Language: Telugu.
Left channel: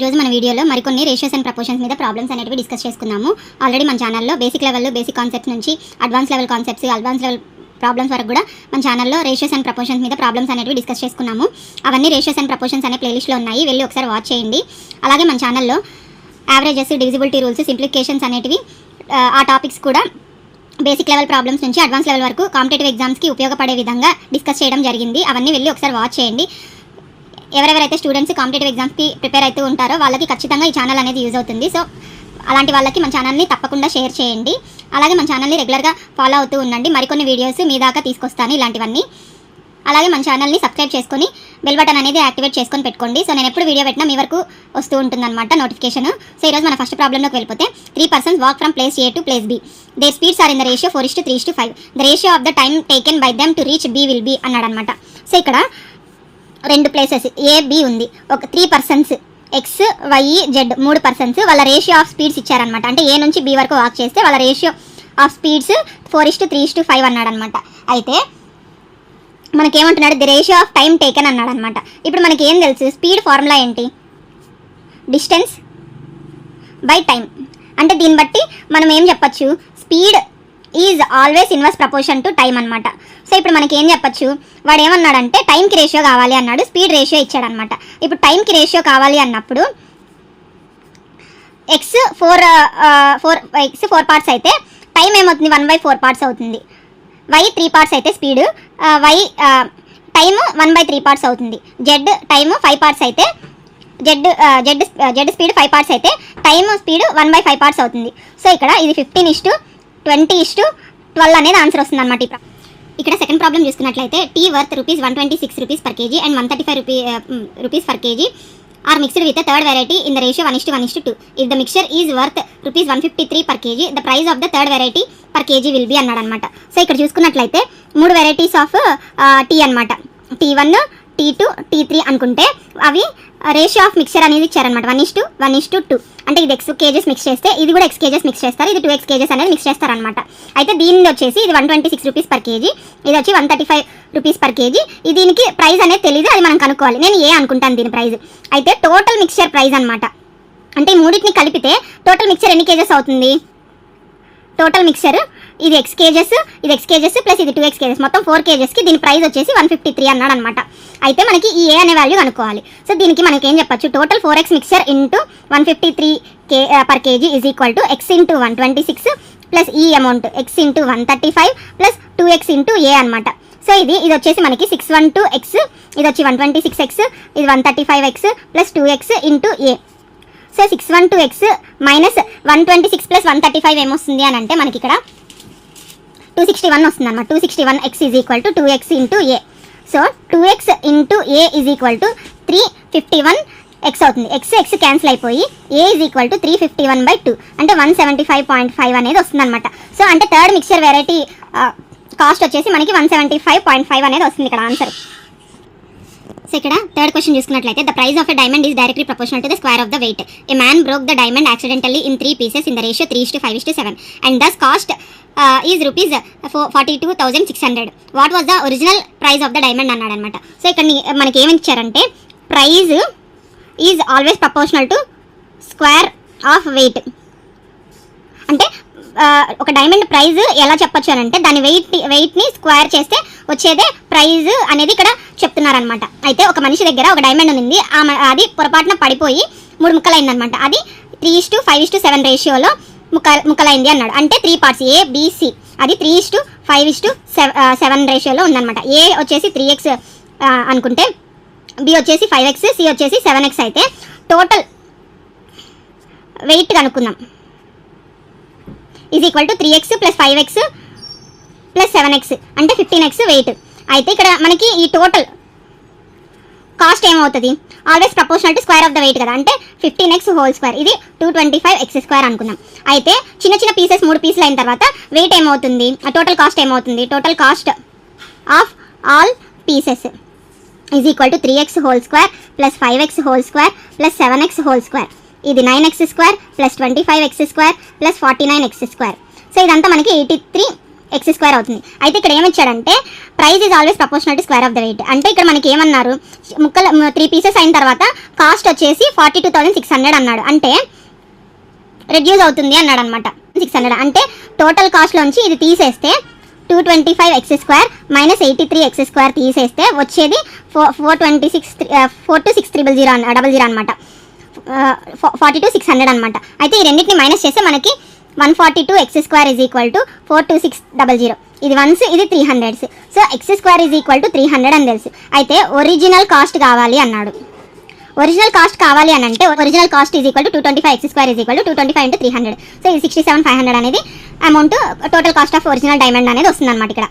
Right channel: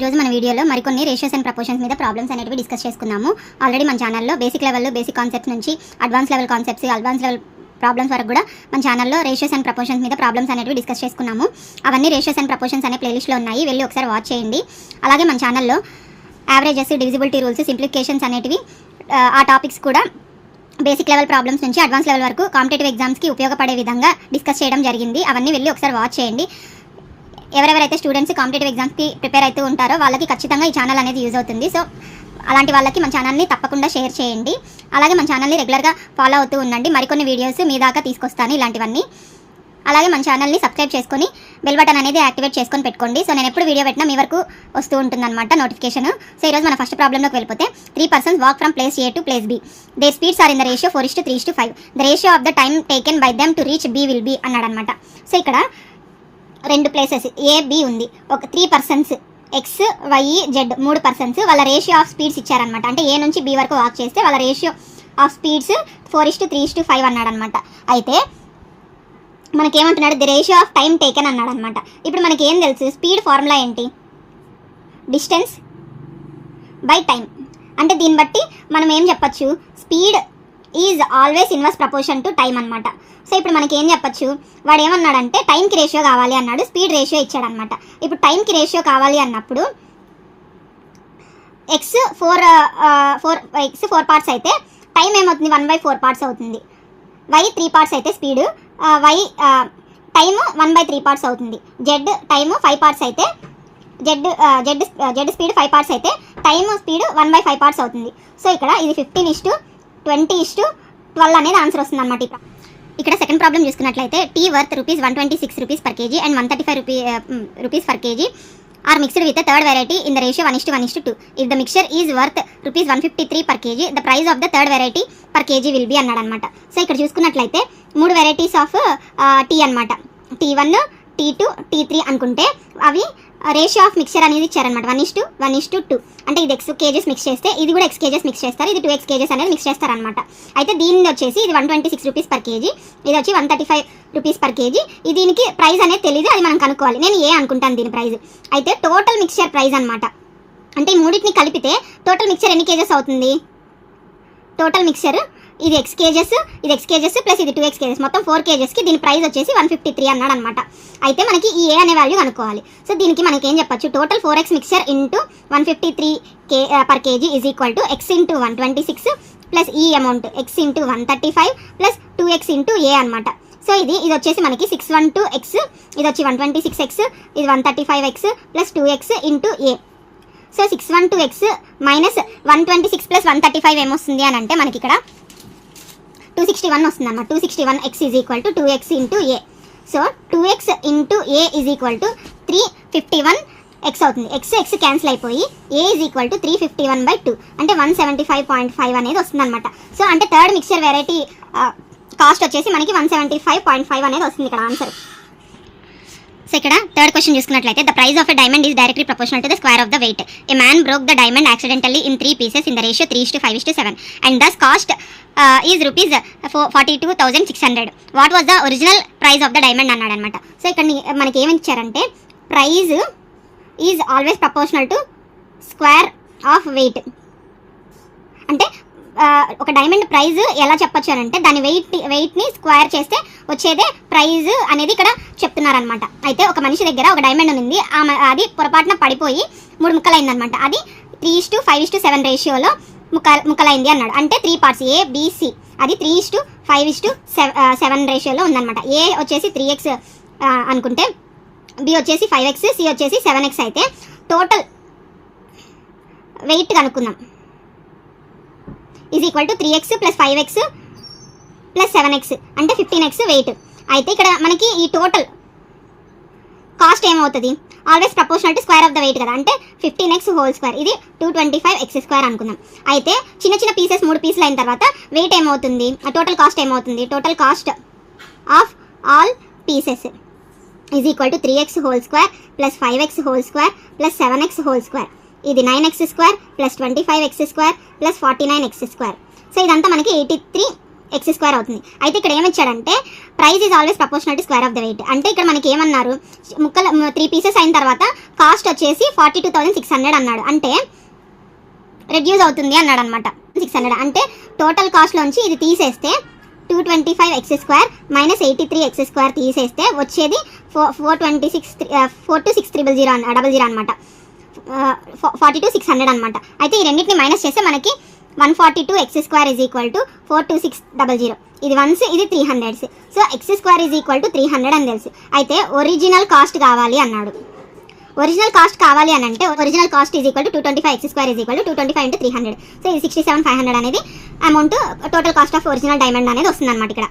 ఈరోజు మన వీడియోలో మరికొన్ని రేషియోస్ అండ్ ప్రపోర్షన్స్ మీద ప్రాబ్లమ్స్ అనేవి డిస్కస్ చేసుకున్నాము. ఆల్రెడీ మన ఛానల్లో బేసిక్ లెవెల్లో బేసిక్ కాన్సెప్ట్స్ నుంచి advance level concepts, advance level problems వరకు కూడా మన ఛానల్లో రేషియోస్ అండ్ ప్రపోర్షన్స్ మీద ప్రాబ్లమ్స్ అనేవి డిస్కస్ చేసుకున్నాము. అవన్నీ రేషియోస్ అండ్ ప్రపోర్షన్స్ అనే ప్లేలిస్ట్లో ఉన్నాయి, వెళ్ళి ఒకసారి వాచ్ చేయండి. అలాగే మన ఛానల్లో యావరేజెస్, డివిజిబిలిటీ రూల్స్, సింప్లిఫికేషన్స్ అనేటివి ఆ టాపిక్స్ కూడా బేసిక్ లెవెల్ ప్రాబ్లమ్స్ నుంచి అడ్వాన్స్ లెవెల్ వరకు కాంపిటేటివ్ ఎగ్జామ్స్కి ఉపయోగపడే విధంగా డిస్కస్ చేయడం జరిగింది. అవన్నీ వెళ్ళి ఒకసారి వాచ్ చేయండి. ఎవరెవరైతే స్టూడెంట్స్ కాంపిటేటివ్ ఎగ్జామ్స్కి ప్రిపేర్ అవుతూ ఉంటారో వాళ్ళకి ఖచ్చితంగా ఈ ఛానల్ అనేది యూజ్ అవుతుంది. సో అలాంటి వాళ్ళకి మన ఛానల్ని తప్పకుండా షేర్ చేయండి. అలాగే మన ఛానల్ని రెగ్యులర్గా ఫాలో అవుతూ ఉండండి. మరికొన్ని వీడియోస్ మీ దాకా తీసుకొస్తాను ఇలాంటివన్నీ. అలాగే మన ఛానల్ని సబ్స్క్రైబ్ చేసుకొని బెల్ బటన్ అనేది యాక్టివేట్ చేసుకొని పెట్టుకోండి. సో నేను ఎప్పుడు వీడియో పెట్టినా మీ వరకు వస్తూ ఉంటుందన్నమాట నోటిఫికేషన్. సో ఈరోజు మన ఫస్ట్ ప్రాబ్లంలోకి వెళ్ళిపోతే 3 persons walk from place A to place B. Their speeds are in the ratio 4:3:5. The ratio of the time taken by them to reach B will be అన్నాడు అనమాట. సో ఇక్కడ రెండు ప్లేసెస్ ఏ బి ఉంది, ఒక 3 persons X Y Z 3 persons వాళ్ళ రేషియో ఆఫ్ స్పీడ్స్ ఇచ్చారనమాట. అంటే ఏ నుంచి బి వరకు వాక్ చేస్తే వాళ్ళ రేషియో ఆఫ్ స్పీడ్స్ 4:3:5 అన్నాడు అనమాట. అయితే మనకేమంటున్నాడు, the ratio of time taken అన్నాడు అనమాట. ఇప్పుడు మనకి ఏం తెలుసు, స్పీడ్ ఫార్ములా ఏంటి, డిస్టెన్స్ బై టైం. అంటే దీన్ని బట్టి మనం ఏం చెప్పచ్చు, speed is always inverse proportion to time అనమాట. సో ఇప్పుడు మనకి ఏం చెప్పచ్చు, వాడు ఏమన్నాడంటే టైంకి రేషియో కావాలి అన్నాడు, స్పీడ్ రేషియో ఇచ్చాడు అనమాట. ఇప్పుడు టైంకి రేషియో కావాలి అన్నప్పుడు ఎక్స్ 4 parts అయితే టైం ఏమవుతుంది, 1/4 parts అవుతుంది. వై 3 parts అయితే స్పీడ్ టైము 1/3 parts అవుతుంది. జెడ్ టైము 5 parts అయితే జెడ్ స్పీడ్ 5 parts అయితే టైమ్ స్పీడ్ 1/5 parts అవుతుంది. సో ఇక్కడ ఇది 15:20:12 అనేది ఆన్సర్ వస్తుంది అనమాట. ఇక్కడ సెకండ్ ప్రాబ్లం చూసుకున్నట్లయితే tea worth ₹126 per kg and 135 rupees per kg are mixed with a third variety in the ratio 1:1:2. If the mixture is worth ₹153 per kg, the price of the third variety per kg will be అన్నాడు అనమాట. సో ఇక్కడ చూసుకున్నట్లయితే 3 varieties ఆఫ్ టీ అనమాట. T1, T2, T3 అనుకుంటే అవి రేషియో ఆఫ్ మిక్చర్ అనేది ఇచ్చారనమాట 1:1:2. అంటే ఇది x kgs మిక్స్ చేస్తే ఇది కూడా x kgs మిక్స్ చేస్తారు, ఇది 2x kgs అనేది మిక్స్ చేస్తారనమాట. అయితే దీని వచ్చేసి ఇది ₹126 per kg, ఇది వచ్చి ₹135 per kg. దీనికి ప్రైస్ అనేది తెలియదు, అది మనం కనుక్కోవాలి. నేను ఏ అనుకుంటాను దీని ప్రైస్. అయితే టోటల్ మిక్చర్ ప్రైస్ అనమాట. అంటే ఈ మూడింటిని కలిపితే టోటల్ మిక్చర్ ఎన్ని కేజెస్ అవుతుంది, టోటల్ మిక్చర్ ఇది x kgs ప్లస్ ఇది 2x kgs మొత్తం 4 kgsకి దీని ప్రైస్ వచ్చేసి 153 అన్నాడు అనమాట. అయితే మనకి ఈ ఏ అనే వాల్యూ కనుక్కోవాలి. సో దీనికి మనకి ఏం చెప్పచ్చు, total 4x mixture into 153 per kg is equal to x into 126 plus ఈ amount x into 135 plus 2x into a అనమాట. సో ఇది వచ్చేసి మనకి 612x, ఇది వచ్చి 126x, ఇది 135x ప్లస్ 2x ఇంటూ ఏ. సో 612x మైనస్ 126 ప్లస్ 135 ఏమొస్తుంది అని అంటే మనకి ఇక్కడ 261 వస్తుంది అనమాట. 261x is equal to 2x into A. So 2x into A is equal to 351x అవుతుంది. x క్యాన్సిల్ అయిపోయి ఏ ఈజ్ ఈక్వల్ టు 351/2 అంటే 175.5 అనేది వస్తుంది అనమాట. సో అంటే థర్డ్ మిక్చర్ వెరైటీ కాస్ట్ వచ్చేసి మనకి 175.5 అనేది వస్తుంది ఇక్కడ ఆన్సర్. సో ఇక్కడ థర్డ్ క్వశ్చన్ చూసుకున్నట్లయితే the price of a diamond is directly proportional to the square of the weight. A man broke the diamond accidentally in 3 pieces in the ratio 3:5:7 and thus cost is ₹42,600. What was the original price of the diamond అన్నాడు అనమాట. సో ఇక్కడ మనకి ఏమి ఇచ్చారంటే price is always proportional to square of weight. అంటే ఒక డైమండ్ ప్రైజ్ ఎలా చెప్పొచ్చు అని అంటే దాని వెయిట్ని స్క్వేర్ చేస్తే వచ్చేదే ప్రైజ్ అనేది ఇక్కడ చెప్తున్నారనమాట. అయితే ఒక మనిషి దగ్గర ఒక డైమండ్ ఉంది, అది పొరపాటున పడిపోయి 3 ముక్కలైంది అనమాట. అది 3:5:7 రేషియోలో ముక్కలైంది అన్నాడు. అంటే 3 parts A B C, అది 3:5:7 రేషియోలో ఉందన్నమాట. ఏ వచ్చేసి 3x అనుకుంటే బి వచ్చేసి 5x, సి వచ్చేసి 7x అయితే టోటల్ వెయిట్ కనుక్కుందాం. Is equal to 3x plus 5x plus 7x అంటే 15x వెయిట్. అయితే ఇక్కడ మనకి ఈ టోటల్ కాస్ట్ ఏమవుతుంది, always proportional to square of the weight కదా, అంటే 15x హోల్ స్క్వేర్, ఇది 225x² అనుకున్నాం. అయితే చిన్న చిన్న పీసెస్ 3 పీసులు అయిన తర్వాత వెయిట్ ఏమవుతుంది, టోటల్ కాస్ట్ ఏమవుతుంది, total cost of all pieces is equal to 3x whole square plus 5x whole square plus 7x whole square. ఇది 9x² plus 25x² plus 49x². So ఇదంతా మనకి 83 ఎక్స్ స్క్వేర్ అవుతుంది. అయితే ఇక్కడ ఏమిచ్చాడంటే price is always proportional to square of the weight. అంటే ఇక్కడ మనకి ఏమన్నారు, ముక్కలు 3 పీసెస్ అయిన తర్వాత కాస్ట్ వచ్చేసి 42,600 అన్నాడు. అంటే రెడ్యూస్ అవుతుంది అన్నాడు అనమాట. 600 అంటే టోటల్ కాస్ట్లోంచి ఇది తీసేస్తే 225 X square minus 83 X square తీసేస్తే వచ్చేది 42,600 అనమాట. 42,600 అనమాట. అయితే ఈ రెండింటిని మైనస్ చేస్తే మనకి 142 X square is equal to 42600. ఇది 1s, ఇది 300s. So X square is equal to 300 అని తెలుసు. అయితే ఒరిజినల్ కాస్ట్ కావాలి అన్నాడు. ఒరిజినల్ కాస్ట్ కావాలి అని అంటే original cost is equal to 225 X square is equal to 225 into 300. So ఇది 67,500 అనేది amount total cost of original diamond అనేది వస్తుంది అనమాట ఇక్కడ.